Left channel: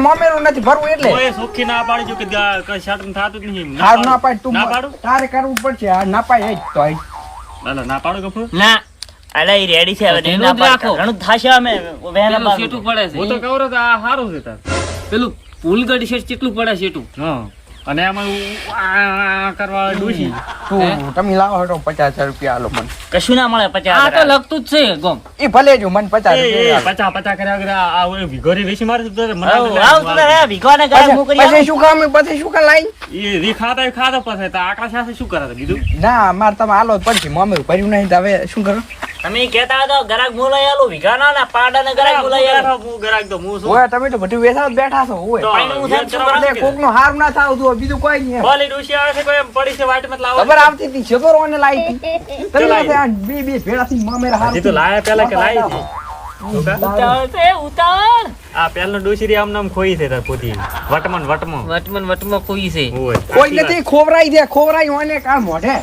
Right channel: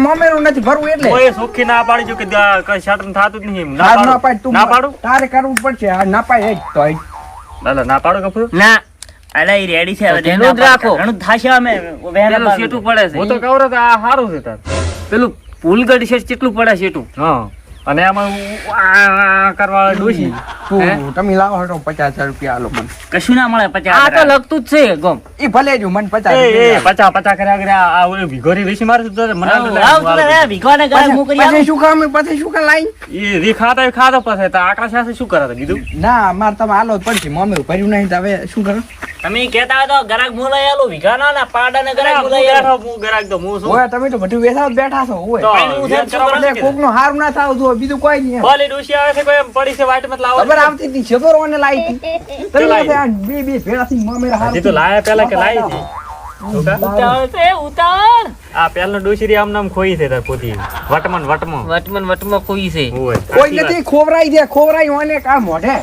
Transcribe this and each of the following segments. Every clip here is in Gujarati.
મોમેરું નથી ભરવું એટલે કોઈ સુખી ના પાડી જો કે કઈ શાટન થાતું જ નહીં ના પાડ તું ના પાડું તારે કરવું પડશે આ ના પાડ જ તો ના પાડો કપૂર ના અલે ઈ રેડી છે હવે તેનું જ રાખો. ઘણું થાશે અમે પેલું શેઠું પડે છે હું તો કહું છું કે આ સારું છે તાર પેલું ફૂલગઢ શેઠ કેટલું પડે શેઠું હા અને આમાં આ કરવા ડોશી તમે લાવો હટો 50 રૂપિયા આલો મને કશું ના મળે 50 આ તો લગતું જ છે ગમ એ ભલે જો મને 50 એ રૂપિયા 50 કર્યા કર્યા આ ઓલી ભીખોરી વેચી મારશે તો મને ભીખવાને ગાળ મુ કરી પછી શું કામ પછી શું કામ લાઈ એ રી ખાતા પછી તો આકડા સાથે શું કરે કીધું ના માર તમે આલો જ પડશે મોમેરું ભર્યું નહીં તો હવે શું કરું તમે કહેતા હતા ગરાક બોલાઈ આલો ભીખાના ના પાડાને ગરાક બોલાઈ આલો હું ગરાક તો હું શું ઓય તમે તો બધું વેસાવ બેઠા છો ઓય તો પાણી વેચ કરવાનું છે કે? કોકનું હારું ના થાવ જો બીજું કોઈ નહીં ભલે ડોશી આવે છે કોઈ એમ પડી છે વાટ મત લાવો ખબર આવતી હતી છેતરોને લાઈ હતી તમે લાઈ? આ બે ભેળા થી મોમેર હારું હજી તો લાયા પેલા કે લાઈ છે ઉતાવળ છે ઉતાવળ આ પેલા ડોશી આમ નામ ખોઈ છે તાર પોતી વટમન વટમાં કોઈ છે ઓય કોઈ નથી ખોવરાઈ ઓને કા મોઢે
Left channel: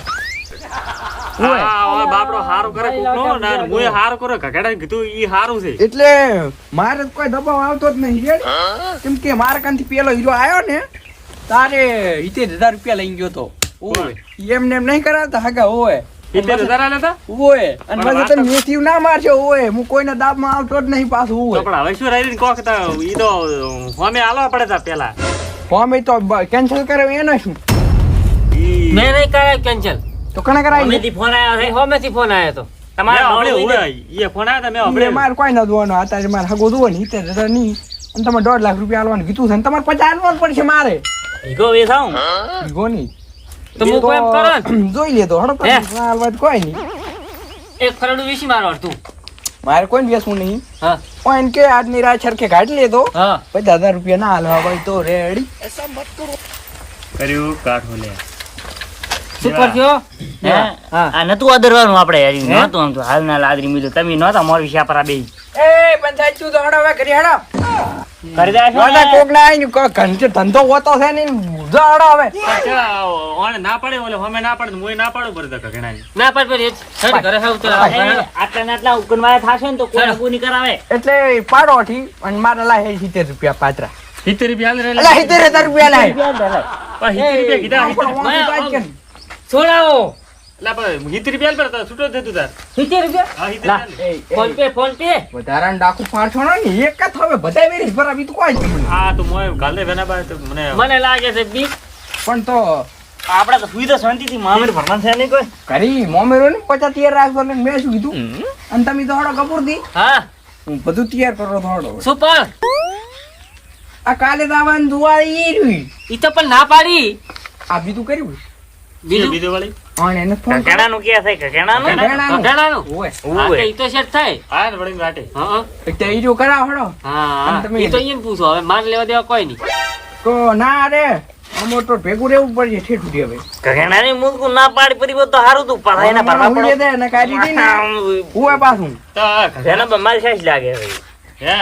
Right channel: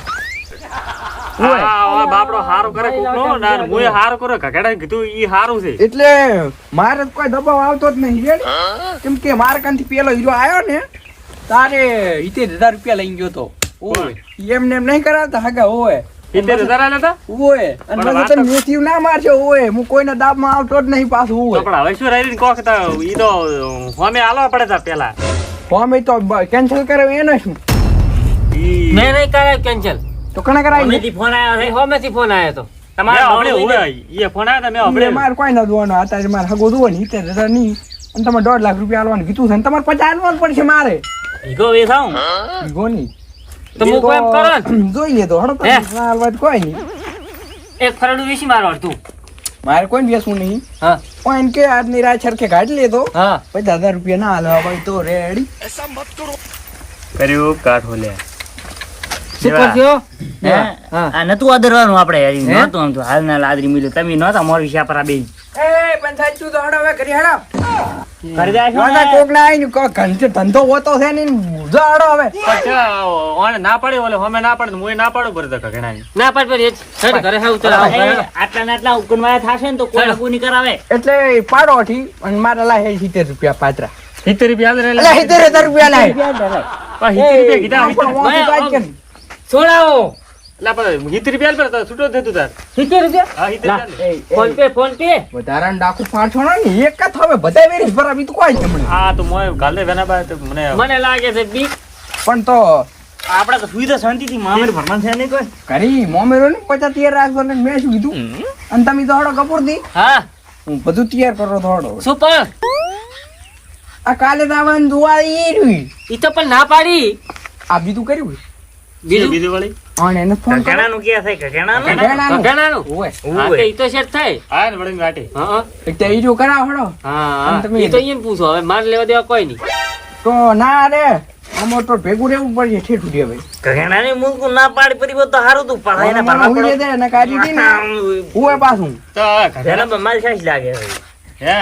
આ બાપડો હારો કરે કોકનો ના મુએ હારો કરે કકડા કીધું ઈ હારું છે એટલે મારે તો કોઈ દબાવ આવતો જ નહીં રેડ કેમ કે મારા કાનથી પેલો હીરો આવ્યો ને તારે 70,000 રૂપિયા લઈ ગયો તો ઓય એમને એમ નહીં કરાવતા હગા ઓય 70,000 આલ્યા તા ઓય અને પણ મને તો મેથીવ ના મારશે ઓય હું કોઈના દાબમાં આવતો જ નહીં પાછું તો ઓય પણ હવે શું રહી કોક તો ઈ તો હોમે આલવા પડે તા પેલા ફોર્મ તો કેન્સલ કરે એને શું ઈ મેં નહીં કરાય કેન્સલ તો કણે કરાવી અમેથી ફોન આવ્યો છે હોમેથી ફોન આવ્યો તો તમારા આપણે નોંધ ઓય ઈ ફોન આયા તા મે આપણે મારે કોઈ ના જોવાનો અત્યારે મારે હગો જોવો ને 70,000 નહીં અને તમે 1.5 લાખ રૂપિયા આલવાનું કીધું છે ને તમારે 50 આલવાનું પડશે મારે ભીખો વેસાઉં ઈગો નહીં તો હું કોઈ એમ કરો ને. જોઈ લેતો હડો હે? આલવાનું કોઈ નહીં એક ફરડું વેચી મારો અડધું મારે કોઈ બેસવું નહીં હા ઓન કે આજની રાત સરખે કાઢી લેતો હા 50,000 રૂપિયા ના હાલવા ભાઈ તો રેડી કર્યું કાઠો લે શું કરજો હા આ નતું આદરવાનું આપણે યાર હે? નતું આમ તો હાલના લાદરી મિલે તમે નહોતા મોરવી શાપરા બે એ પંચાયત તું તો હડો હવે ઘરે હડો કરી દેશો ના કોક ના આઈ કો ઘંટે ધંધો હોતો છે ને જો હડો હવે ઓને ના પડે ઓલે હોમે ના પડે મુએ ના પાડું પડે તા ઘણા ના પાડ પર હેડ ઘરે હા ઉતર આવો આટલા ને આટલા ઉકનવાય થાશે ને તો કોઈ હગું નહીં કરાવે એટલે પાડો થી અને મારા લાય 70 રૂપિયા પાત્રા 70 રૂપિયા આલે એટલે 70,000 રૂપિયા લાય 70 રૂપિયા કીધા છોડાવો લા પણ 70 રૂપિયા આલ પર છૂટો થતું તાર 70 રૂપિયા હા 70 આલે ફોન પે વધારાનું ડાકુ પાછો ને એક જ હવે બધા વેરી ભરાવી તો કોઈ છે મને આ તો મોય ગાલે વેના બા તો મને લાગે છે બી પણ તો આપણે તો સુઈ તો શાંતિથી મામડ ભરવાનું છે નહીં કોઈ ઘરી મોમેરો ને 50 તૈયાર રાખો ને મેં શું કીધું અને તમે તો હડો કપૂર દી હા હું બધું તૈયાર કરો તો હડો શું પણ આ કાલે દાવાનું દુઆ ઈ રહ્યું ઈ તો પણ ના પાડી આ બીજું કર્યું બીજું વાળી અને એને ફોન કરો ઘણાનું કે છે કે ઘણાનું ઘણાનું. ઘણાનું ઓય હા તો ઈ તો સેટ થાય આ ને વળી વાટે હા એક તો ઈ જો કરાવ હડો હા અને તમે ઈ તો અહીંયા પૂછો હવે માર લેવા દેવા કોઈ નહીં તો ના રે અમો તો ભેગું રહેવું પડશે ઠેઠું દે ભાઈ ઘરેણાની મૂકું ના પાડી પડી હોત તો હારું તું પાછા એના મને ભરવા હુઈ પડે. દે ને કાઢી દી ને હુએ પાછું તો ઘરેણામાં મારી સાઈઝ લાગે હે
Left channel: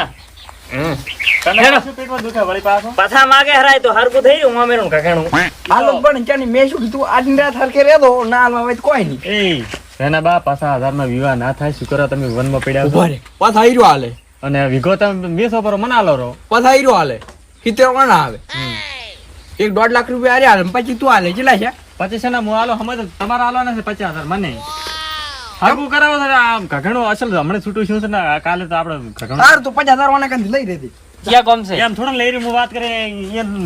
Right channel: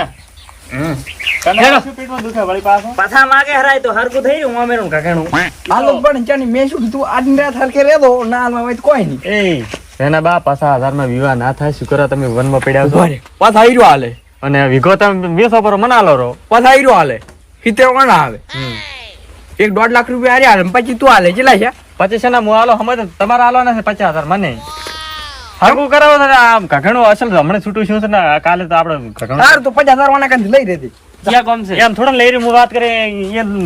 તને શું પેટમાં દુખે વળી પાછો પાછા માગે હરાય તો હરકું થઈ રહ્યું મામેરું ઘરેણું હાલો પણ ચાની મેં શું કીધું આજની રાત હરખે રહેતો ના હાલવા હોય તો કોઈ નહીં એ એના બા 50,000 નો વિવાહ ના થાય શું કરો તમે વનમાં પડ્યા છો પાછા હીરો હાલે અને વિગો તમે 20 પર મનાલો રો પાછા હીરો હાલે 70 કોણ આવે 1.5 લાખ રૂપિયા હારે હાલે પછી તું હાલે કેટલા છે 25 ના મુ આલો હમે તમારે આલવાના છે 50,000 મને હગું કરાવો તો આમ ઘણું અસલ હમણાં છૂટું શું છે ને કાલે તો આપણે ઘણું સારું તો 50,000 વાના કાંથી લઈ રહેતી ક્યાં કોમ છે એમ થોડા લઈ રહી હું વાત કરે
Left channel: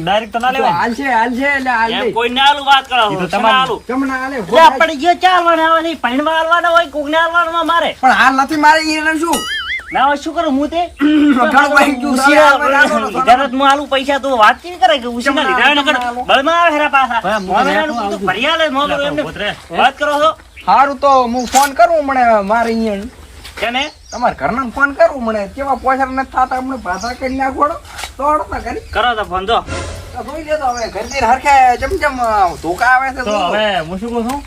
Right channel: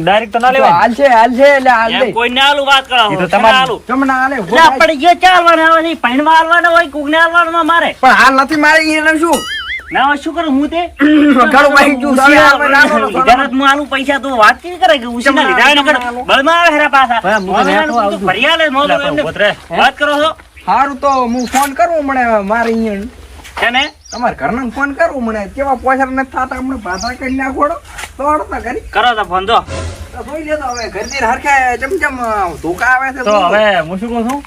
ડાયરેક્ટ તો ના લેવાય હાલશે એટલે હાલ એમ દે કોઈ ને આલું વાત કરો ઈ તો શેના તમારે- આલું? તમને હાલે એટલે આ પડી ગયો ચાલવાના આવે નહીં પૈણવા હાલવાના હોય કોકને હાલવાના મારે પણ હાલ નથી મારે એને શું ના હોય શું કરું હું તે ઘણું ભાઈ ગયું સામે હાલવા નાખો તો લીધા નથી, હું આલું પૈસા તો વાતચીત કરે કે ઉછીના લીધા એનો કર બળમાં આવે હેરા પાછા મોમેરાનું તું ફરી આલે મોમેરું એમને વાત કરો છો સારું તો હું ફોન કરું મને મારે અહીંયા કેને તમારા ઘરના ફોન કરું મને કેવા પોસર નથી થતા હમણાં ભાષા કરી નાખોડો તો હડતા કરી કરો તો ફોન દો તો જોઈ લેતો હવે ઘરની હરખે ચમચમ ધોકા આવે છે તો હવે હું શું કહું છું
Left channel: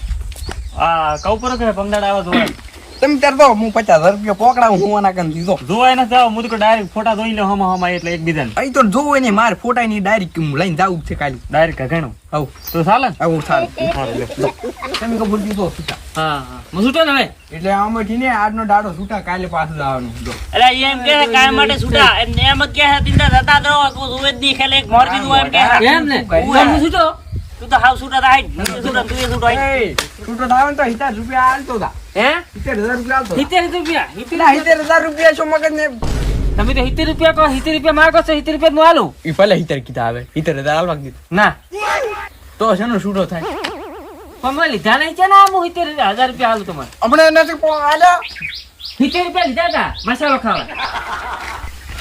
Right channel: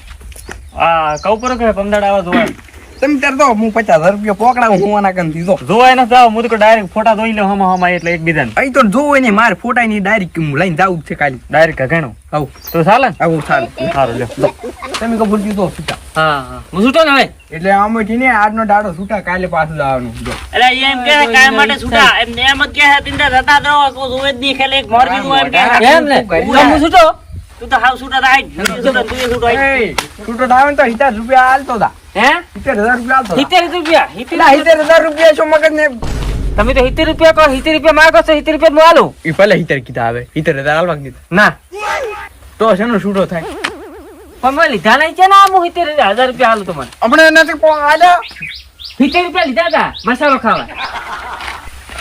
આ કઉ પર કે પમદાડ આવા જોવા તમે ત્યારે તો હું 50,000 રૂપિયા પોકડાવું હું આના કન દીધો જોવાય ન જાવ હું તો ડાયરેક્ટ ફોટા જોઈ લે હમ એટલે એકબીજાને અહીં તો જોવું ને મારે ફોટા ની ડાયરેક્ટ હું લઈને જાવું જ છે કાલે ડાયરેક્ટ ઘણું આવું તો ચાલે ને આવું સારું સારું લ્યો. તમે કબૂલ કીધો છૂટા હા હા હું છૂટો ને હવે એટલે આમાંથી ને આજનો દાડો છૂટા કાલે પાછું લાવવાનું જો એટલે એમ કે કાયમ માટે છૂટા એમ જ કે તિંડા જતા રહો કો જોવે જ નહીં ખેલે એક મોરબી નું એમ કે એમ ને હું છૂટો તું તો હાવ છૂટા થાય છૂટા તું છૂટો એ છૂટો થાય ને તો 70 રૂપિયા હાલતો તા હે 70,000 રૂપિયા હાલતો 70 રૂપિયા તા 70,000 રૂપિયા શું મગજ ને તમે તો 70 રૂપિયા કહો 70 રૂપિયા માંગો છો 70 રૂપિયા હું આલું ઈ ભલે 70 કીધા આવે 70,000 હાલવા કીધું ના તો શેનો છૂટો થાય પણ મેં લીધા નહીં છે ને આ હું 70,000 રૂપિયા હાલું તમને હમણાં નથી આલ્યા 70 રૂપિયા લીધા હતા મસાલો ખાવા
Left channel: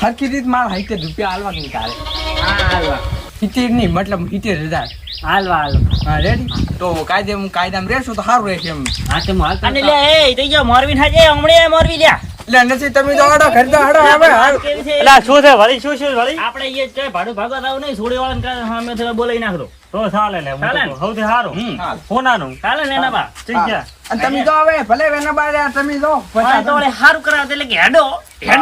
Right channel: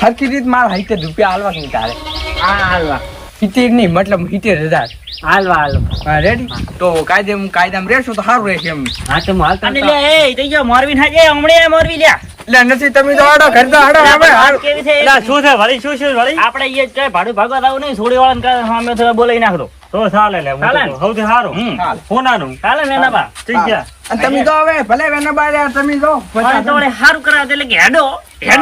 હરકી રીત મારા 70 રૂપિયા હાલવા નહીં તારે હાલવા 70 નહીં મતલબ 70,000 હાલવા હા રેડી તો કાયદામાં રહેશું તો સારું રહેશે એમ હા તો હું હાલતા અને લે એ થઈ ગયો મોરબી ના જે હમણે મોરબી લ્યા એટલે નથી તમે તો આડો ઘર તો આડો હવે હાલ કેવી છે એટલે શું છે વળી શું છે વળી આપણે એ જ ભાડું ભાગવા આવું નહીં છોડી વાળાને કાંઈ સામે થોડા બોલાવી નાખતો તો ચાલે લે હું ચાલે તો ને? સૌથી સારું હાલ. સોનાનું ચાલે ને એના બા ઠીક છે અને તમે તો હવે ભલે વેના બાર તમે જો પણ તો વળી હારું કરાવે એટલે કે હેડો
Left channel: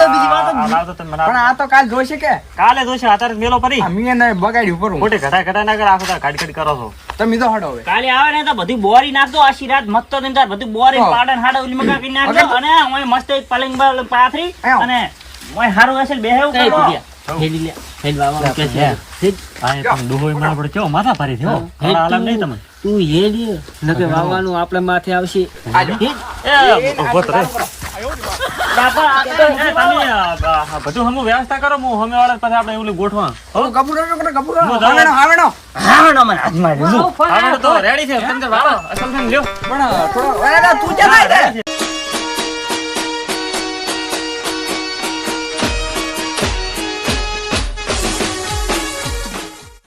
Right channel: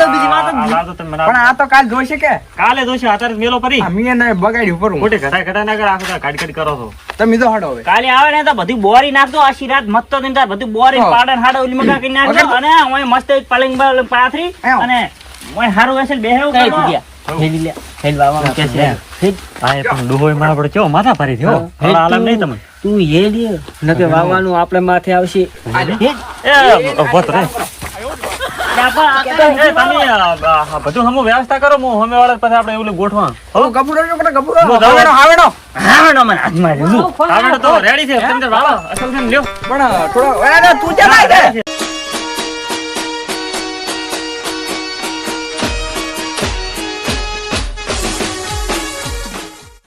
બીજી વાત જ આ નહીં. વાત તો તમે મને પણ આ તો કાલ જોઈશે કે કાલે જોશે અત્યારે મેલો પરી આ મીએ ને બગાડ્યું પર ખોટી ઘટા ના કર આખો દાડો કાઢ કાઢ કરો છો તમે તો હડો હવે કાલે આવે ને તો બધું બોરી નાખતો આશી રાત મસ્ત દિન તાર બધું બોરી હા. પાડન હાડો ઓલી મગા કરી નાખજો વગર- અને ઓય મસ્ત એક પલંગ પર પાથરી આયો. અને ઓય હારું હશે બેહેવું કઈ કરો રૂપિયા હેલી લે હેલ બાવા કે છે હા એ પણ ડોહોય મારા પડે કેવો માથા ભારી થયો હા. હમણાં આલામ નહીં તમે તું હેલ નકે વાવવાનું આપણે માથે આવશે એ ઉભો તો રે. એ તમે આ બધું હમું વ્યવસ્થા કરો હું હમે વાળા પછી આપણે એવું ગોઠવા હવે ગબુરો જો કે ગબુરો હું જાઉં. હાવડો હાવડો હા નો મને હાથમાં લીધું આગળ તો રેડી છે તમે વાળો અસલ છે ને લ્યો પણ થોડો અરે તું જા ના રે